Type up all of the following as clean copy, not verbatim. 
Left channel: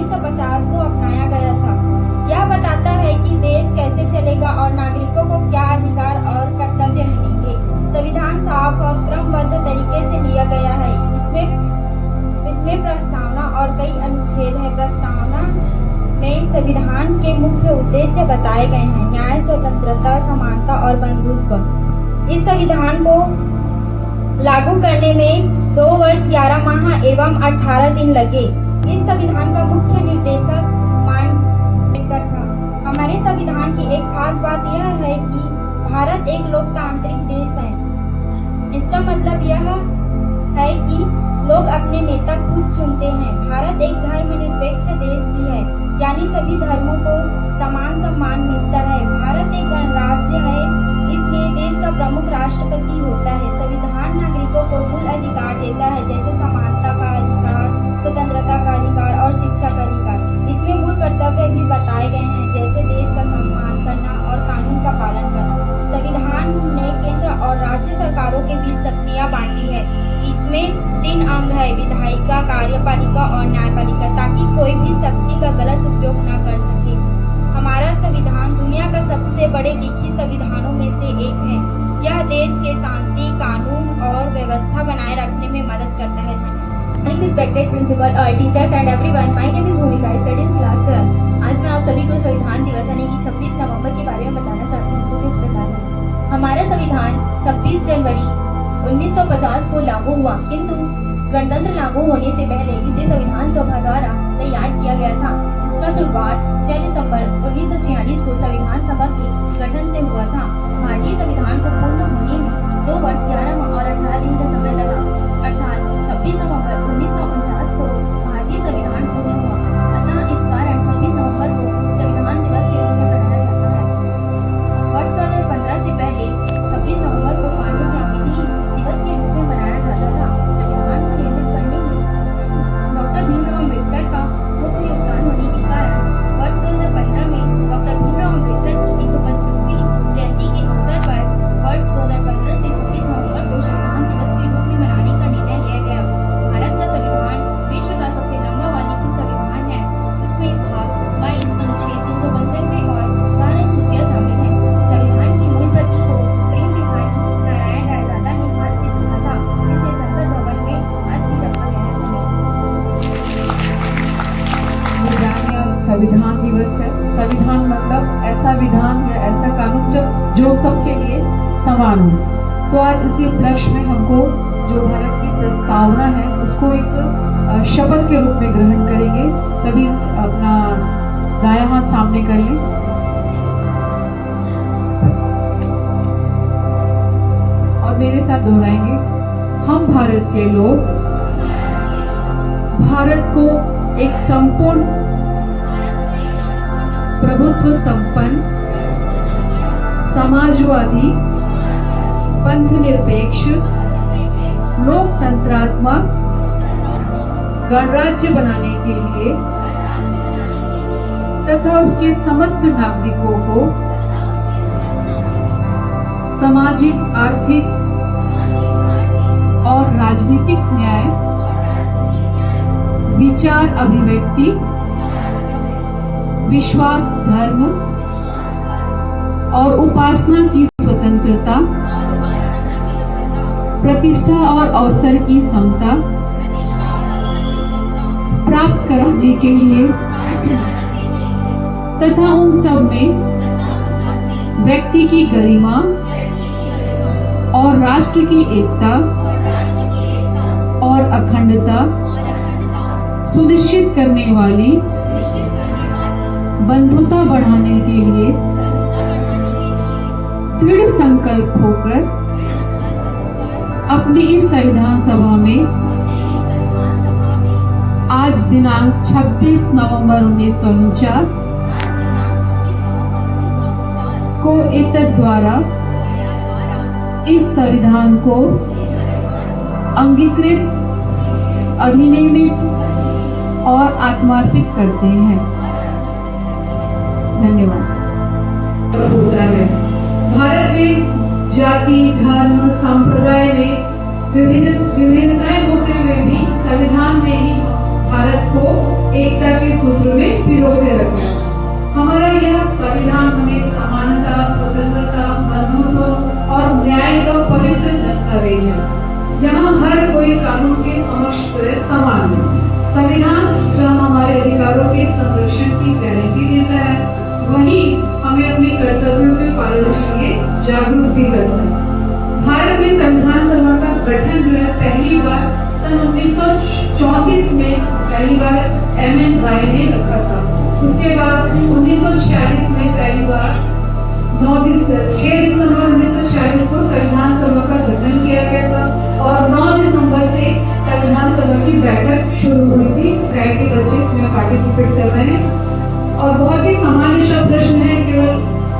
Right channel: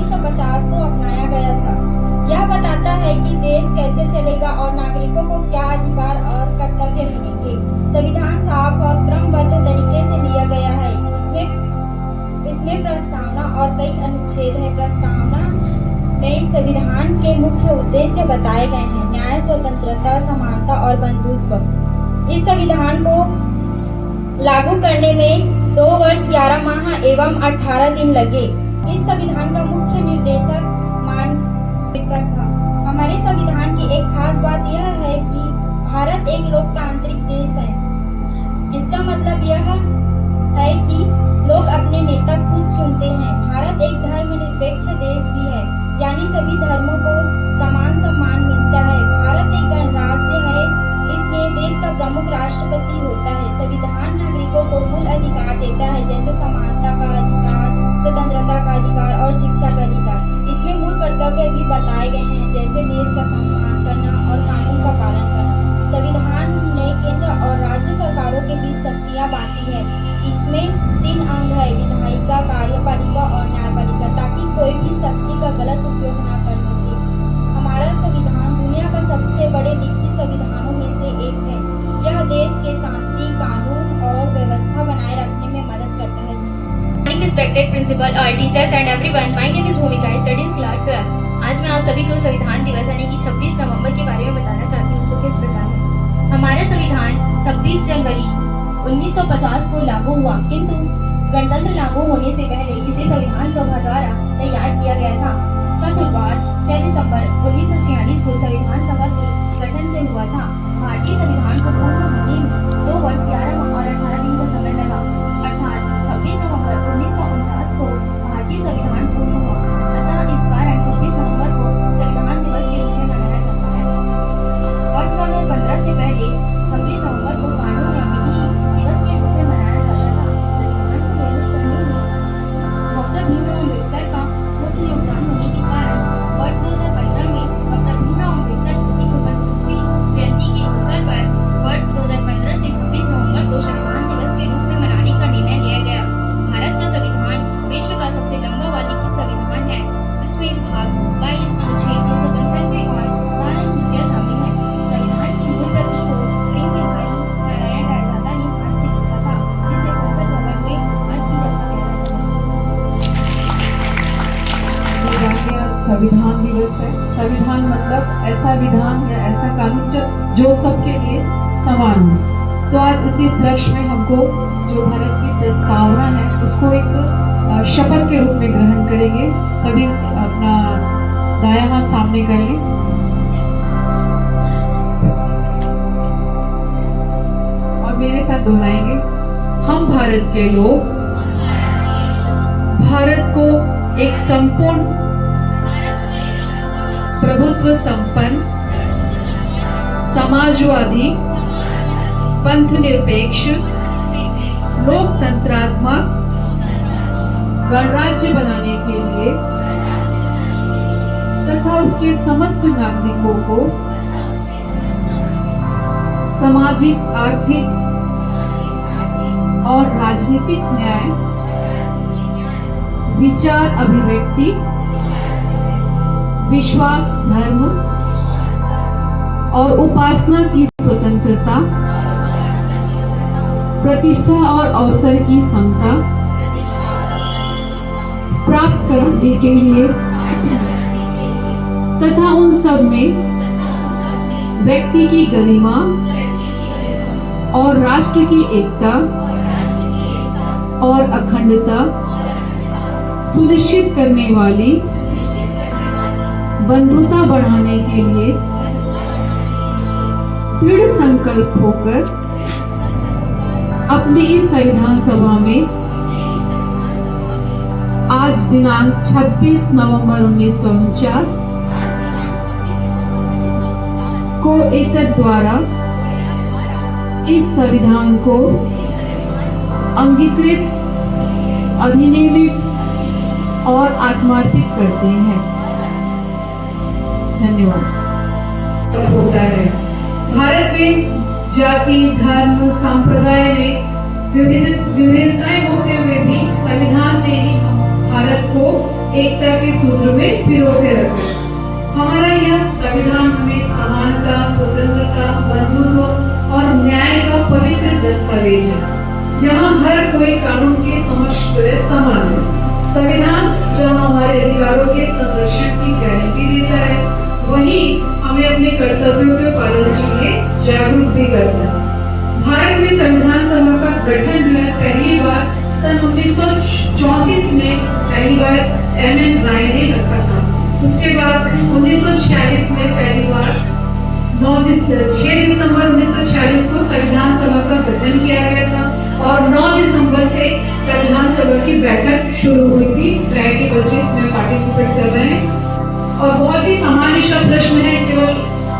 1950 को अपनाया गया था। यह बताता है कि देश कैसे चलेगा और नागरिकों को क्या अधिकार और कर्तव्य मिलेंगे। संविधान साफ और क्रमबद्ध तरीके से लिया गया है। इसमें प्रस्तावना और कई अनुच्छेद है। प्रस्तावना में संविधान के मुख्य उद्देश्य बताए गए हैं: न्याय, स्वतंत्रता, समानता और बंधुत्व। इस संविधान को लागू करने में 2 वर्ष 11 माह एवं 18 दिन लगे। इस संविधान का मुख्य निर्देशक मार्टिन था। हमारे संविधान की एक खास बात यह है कि भारत एक लोकतांत्रिक देश है। इसका मतलब यह है कि लोग अपने नेता खुद चुनते हैं। भारत एक धर्मनिरपेक्ष देश भी है, यानी सभी धर्मों को समान सम्मान मिलता है। भारत एक गणराज्य है, इसलिए देश का प्रमुख राष्ट्रपति होता है। संविधान नागरिकों को मूल अधिकार देता है, जैसे समानता का अधिकार, स्वतंत्रता का अधिकार और शिक्षा का अधिकार। इसमें मूल कर्तव्य भी बताए गए हैं, जैसे देश का सम्मान करना और कानून का पालन करना। संविधान ने केंद्र और राज्य सरकारों के बीच शक्तियां बांटी है। इसमें 3 अंग है: विधायिका, कार्यपालिका और न्यायपालिका, ताकि कोई भी शक्ति का गलत उपयोग न कर सके। हमारा संविधान दुनिया का सबसे बड़े लिखित संविधानों में से एक है। यह देश के शांति, कानून और व्यवस्था बनाए रखने में मदद करता है। Respected principal, all teachers and everyone, my name is Bhumika. I study in class 12. आज मैं आप सभी को संविधान दिवस यानी कि 26 नवंबर के बारे में बताना चाहती हूँ। तो किस प्रकार है हमारा संविधान 26 जनवरी 1950 को लागू हुआ, किंतु गणतंत्र लागू होने से पहले इसे संविधान सभा द्वारा तैयार किया गया था। इसका शुरुआत 6 दिसंबर 1946 को संविधान सभा के गठन से हुआ था। भारतीय संविधान को पूर्ण होने में 2 वर्ष 11 माह और 18 दिन का समय लगा, अर्थात 26 नवंबर 1949 को भारतीय संविधान पूर्ण हुआ। अतः इस कारण 26 नवंबर को संविधान दिवस के रूप में मनाया जाता है। वर्ष 2015 से पहले 26 नवंबर को कानून या विधि दिवस के रूप में मनाया जाता था। संविधान को निर्मित करने में डॉक्टर भीमराव अम्बेडकर का मुख्य योगदान होने के कारण वर्ष 2015 में डॉक्टर भीमराव अम्बेडकर की 125वीं जयंती के अवसर पर वर्ष 2015 से 26 नवंबर को संविधान दिवस के रूप में मनाने का निर्णय लिया गया। भारत का संविधान विश्व का सबसे लंबा व लिखित संविधान है। इसमें भाग 22 अनुच्छेद 395 और 12 अनुसूचियां शामिल हैं। संविधान की मूल प्रति को प्रेम बिहारी नारायण रायजादा ने हाथ से लिखा था, जिसे संसद भवन में आज भी रखा गया है। संविधान दिवस है। संविधान मतलब ऐसा विधान या ऐसा कानून जो सबके लिए समान हो। तो आज उसी उपलक्ष्य में हमको जो भारत की प्रस्तावना है उसको एक शपथ के रूप में ग्रहण करेंगे। सभी अपना दायां हाथ सामने कर लें। और मेरे साथ दोहराएंगे। हम भारत के लोग भारत को एक संपूर्ण प्रभुत्व संपन्न समाजवादी पंथ निरपेक्ष लोकतंत्रात्मक गणराज्य बनाने के लिए तथा उसके समस्त नागरिकों को सामाजिक, आर्थिक और राजनीतिक न्याय, विचार अभिव्यक्ति, विश्वास, धर्म और उपासना की स्वतंत्रता, प्रतिष्ठा और अवसर की समता प्राप्त कराने के लिए तथा उन सब में व्यक्ति की गरिमा और राष्ट्र की एकता और अखंडता सुनिश्चित करने वाली बंधुता बढ़ाने के लिए दृढ़ संकल्प होकर अपनी इस संविधान सभा में आज दिनांक 26 नवंबर 1949 को एतद द्वारा इस संविधान को अंगीकृत, अधिनियमित और आत्मार्पित करते हैं। धन्यवाद। होता है भारत में जाति, धर्म, संप्रदाय में विविधताएं होते हुए भी संविधान ने ही भारत को एकता के सूत्र में पिरोके रखे। हमारा यह संविधान हमें समानता, स्वतंत्रता, बंधुत्व और न्याय का पवित्र दस्तावेज है। यहाँ हर कोई कानून के समक्ष समान है। संविधान जो हमारे अधिकारों के संरक्षण की गारंटी देता है, वही हमें अपने कर्तव्यों के पालन के लिए जागरूक भी करता है। भारत में संविधान सभा का गठन जो है पहली बार सन 1934 में पहली बार M.N. राय ने रखा था। उसके बाद 1946 में पहली बार 6 दिसंबर 1946 को संविधान सभा का गठन किया गया था और 9 दिसंबर से संविधान सभा की बैठक शुरू हुई थी। राय के बच्चे इसमें पार्टिसिपेट कर रहे हैं और बहुत ही सामान्य सा प्रश्न है। केवल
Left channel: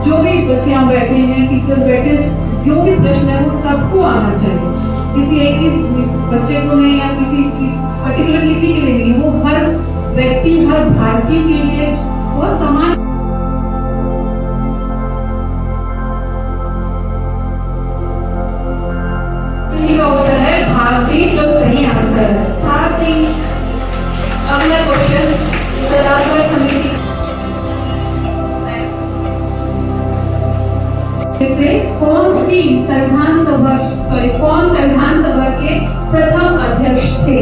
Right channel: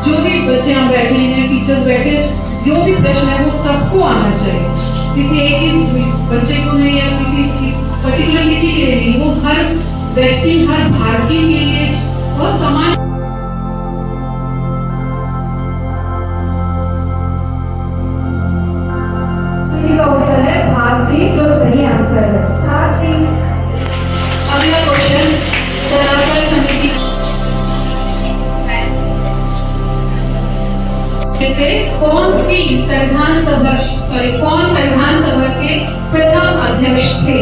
जो भी बच्चे यहाँ बैठे हैं, टीचर्स बैठे, जो भी प्रश्न है वो सबको आना चाहिए। किसी एक ही बच्चे को नहीं या किसी पर्टिकुलर किसी के लिए नहीं, वो हर व्यक्ति, हर भारतीय के लिए बहुत समान का उत्तर है भारतीय, जो सही आंसर है भारतीय। अगला क्वेश्चन, सलाहकार समिति से कौन संविधान सभा के प्रथम अध्यक्ष थे?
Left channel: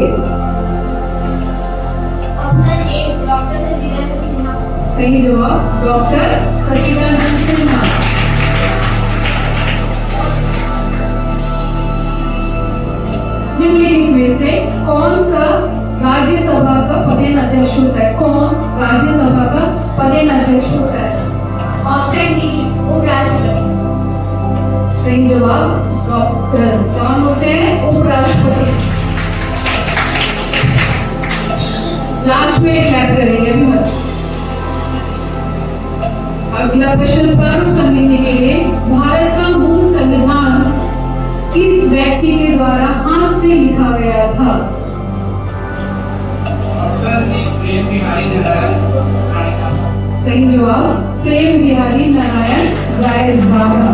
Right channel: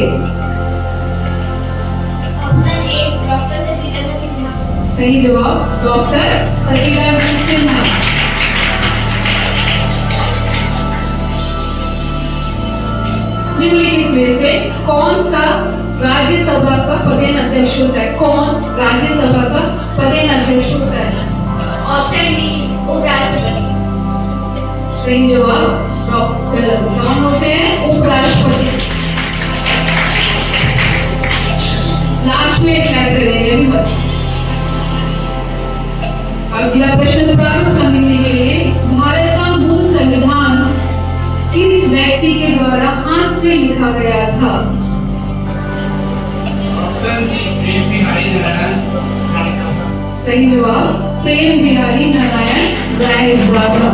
Option A doctor Sachchidananda Sinha. सही जवाब डॉक्टर सचिदानंद सिन्हा। निम्नलिखित में से कौन सा राज्यसभा का पदेन अध्यक्ष होता है? कौन राज्यसभा का पदेन अध्यक्ष होता है? ऑप्शन डी उपराष्ट्रपति। सही जवाब डॉक्टर कौन होते हैं? उपराष्ट्रपति। लास्ट में क्लैप करेंगे अभी मत। अगला प्रश्न प्रारंभ समझने के लिए, भारत का मूल संविधान किस व्यक्ति के द्वारा हाथ से लिखा गया था? सही जवाब प्रेम बिहारी नारायण राय भाभा।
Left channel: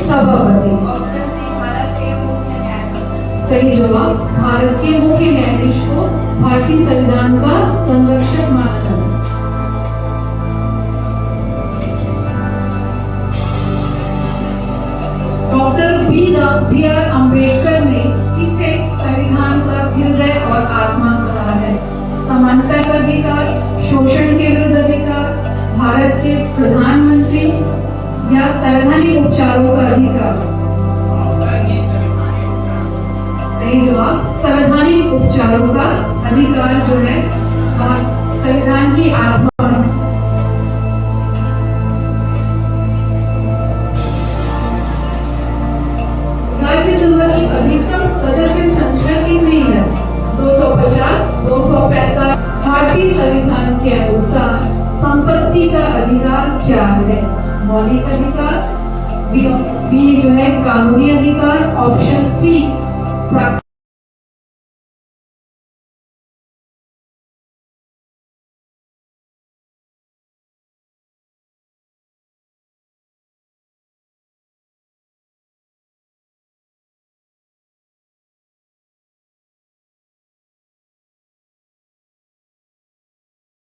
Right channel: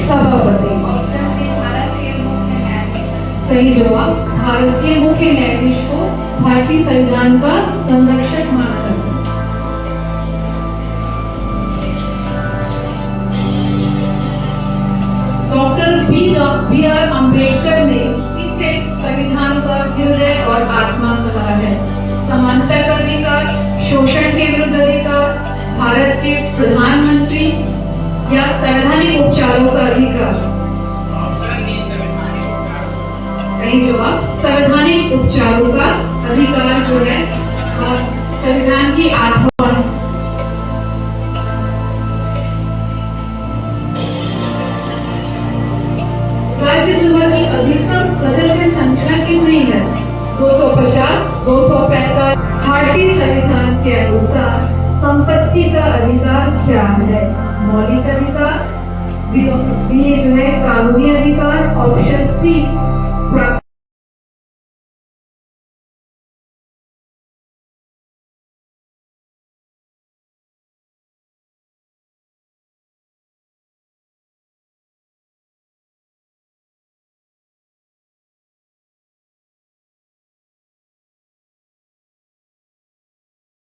सभापति। ऑप्शन सी भारत के मुख्य न्यायाधीश। सही जवाब भारत के मुख्य न्यायाधीश को भारतीय संविधान का संरक्षक माना जाता है। डॉक्टर बी आर अम्बेडकर ने इसे संविधान का हृदय और आत्मा कहा है। समानता का अधिकार, शोषण के विरुद्ध अधिकार, भारत के प्रधानमंत्री या संवैधानिक उपचारों का अधिकार? सही जवाब संवैधानिक उपचारों का अधिकार जो है संविधान की आत्मा है। राज्यसभा की अधिकतम सदस्य संख्या कितनी है? 250, 245। भारतीय संविधान के अनुसार संपत्ति का अधिकार क्या है? मौलिक अधिकार, बी जो है कानूनी अधिकार, ऑप्शन सी